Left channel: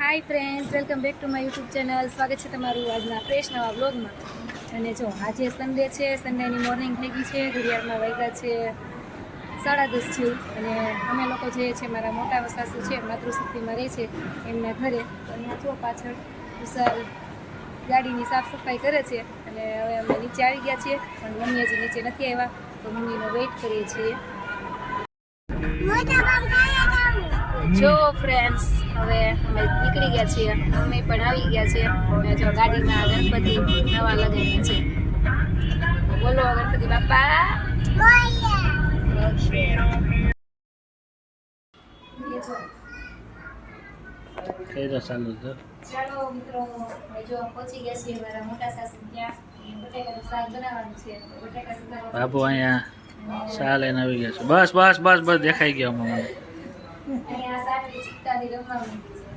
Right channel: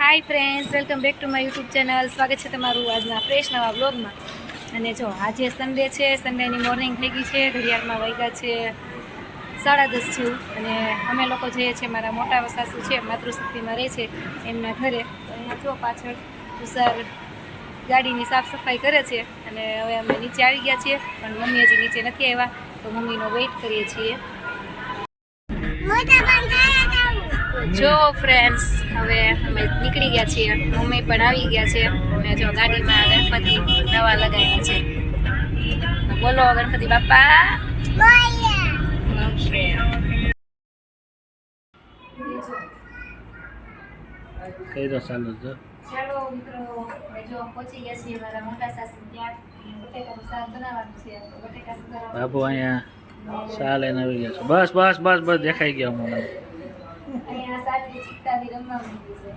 Hi friends, welcome back to my YouTube channel. સ્વાગત છે તમારું આજના ફ્રેશ નવા વ્લોગમાં. અને જો આજે સન્ડે છે, સન્ડેની મોર્નિંગ થઈ ગઈ છે, ઘડિયાળમાં વાગ્યા છે 10:30 જેવું. અને અમે લોકો જઈએ છીએ, મારા મોટા સાસુ છે માતૃશક્તિમાં રહે છે એમના ઘરે. તો અહીંયા જો પાછળ તુષાર ગાડીની સાફ સફાઈ કરે છે. અને હવે અમે નીચે આવી ગયા છીએ, પણ મમ્મી હજી નીચે નથી આવ્યા, તો મમ્મીનો વેઇટ કરીએ છીએ. જો ફ્રેન્ડ્સ, હવે અમે નીકળી ગયા છીએ, મમ્મી પણ આવી ગયા છે. અને જો ગાડીમાં ગણપતિ નવા લગાવ્યા છે. બોલો ગણપતિ બાપા. ચાલો મિત્રો, જો પહોંચી ગયા છીએ મારા મોટા સાસુ ત્યાં. બટેકાનું શાક બનાવવાનું છે. બટેકા સુધારવા બાપુ અહીંયા શા લઈને આવી ગયા છે. બસ બસ બસ બસ દેખાઈ ગયા મને. અહીંયા સાટલી ચિત્તાથી રમવા મૂકી છે.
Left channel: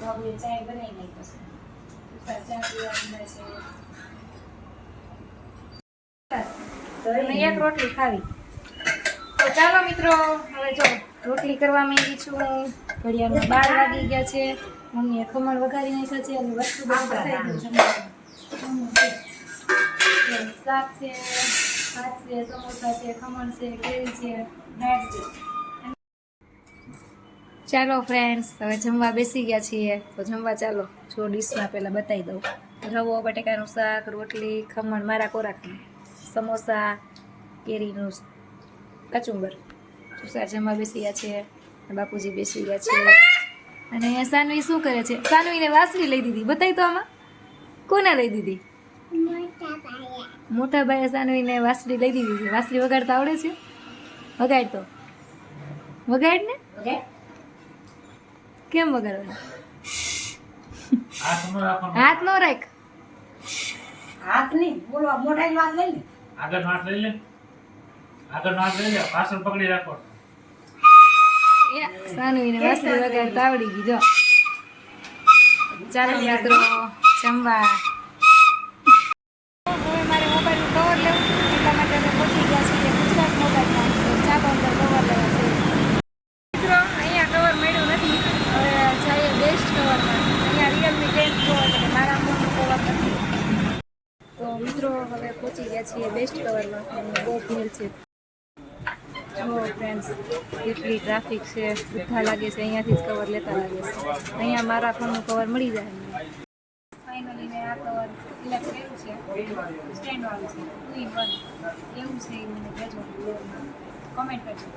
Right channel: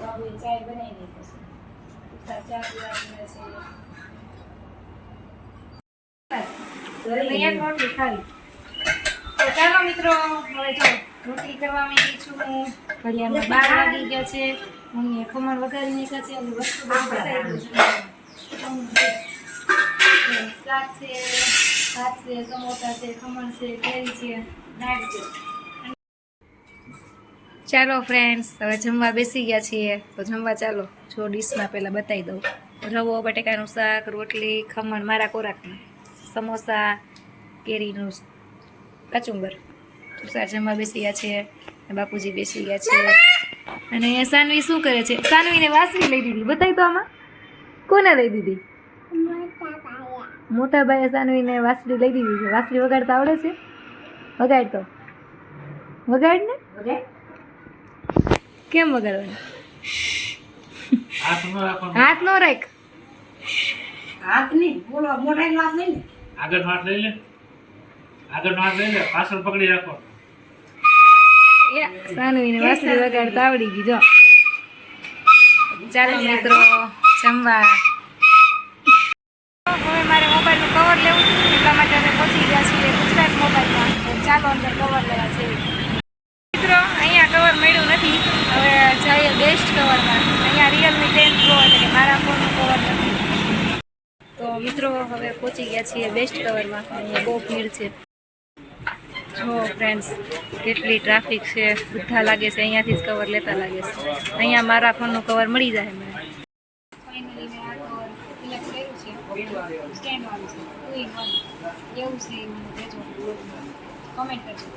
બાબુએ ચાય બનાવી નાખી છે. ચા પીવા છે. એક રોટલી ખાવી. તો ચાલો મિત્રો, હવે જો રોટલી કરવા માંગી છું. ઘડિયાળમાં 12 વાગી ગયા છે. મમ્મીએ ખમણ વઘારી નાખ્યા છે અને વસ્તુ શાક છે, ભાત છે, સમોસા છે, ખમણ છે, કેરી છે, દાળ છે. ચાલો ફ્રેન્ડ્સ, હવે જમવા બેસી ગયા છીએ. તો જમવા ચાલો. જો ડીશમાં પહેલાં બતાવી દઉં. રવો, બટેકાનું શાક, રોટલી, ખમણ મારા ખોરાકમાં, સમોસા, કેરીનું કચુંબર. તુષાર જમવા બેસી ગયા છે, બાપુજી બેસી ગયા છે. અને સાનવી શું કરે છે? સાનવીને વાસળી લઈ દીધી. બતાવી તો આમાં કોને લઈ દીધી? મોટા ભાઈએ સાનવીને વાસળી લઈ દીધી છે. વાસળી વગાડતા આવડે છે? વગાડ તો, વગાડ ને. કેમ વગાડવાનું? હાથ નો રાખ. હાથ નહીં, બોલો મોઢા હાથ લઈ લે. આગળ હાથ લઈ લે, આગળ હાથ લઈ લે, પાછળ પકડી રાખો. સાનવીને વાસળી વગાડતા આવડી ગઈ. જો ચાલો મિત્રો જમવા. હવે મારે મોબાઈલનું કવર લેવું હતું, એટલા માટે અમે પહોંચી ગયા છીએ ગુજરાત મોબાઈલમાં. તો ચાલો અંદર કવર લેવા છે મિત્રો. અહીંયા કવર મળ્યું નથી, હવે જઈએ બેસ્ટ કવરમાં. અહીંયા રિયલમી 10 પ્રો એટલે કે મારા ફોનનું કવર નથી. તો મિત્રો હવે પહોંચી ગયા છીએ બેસ્ટ કવરમાં. અહીંયા બહુ ભીડ છે. જો ફ્રેન્ડ્સ, કેટલી ટ્રાફિક છે. બધા લાગે છે અહીંયાથી જ કવર લેતા લાગે છે. અહીંયા મારા ફોનનું કવર મળી જાય મને. ફાઇનલી મેં આ કવર સિલેક્ટ કર્યું છે. સ્ટેન્ડવાળું છે, 2 in 1 એવું છે. એ મને કહેજો, કમેન્ટ કરજો.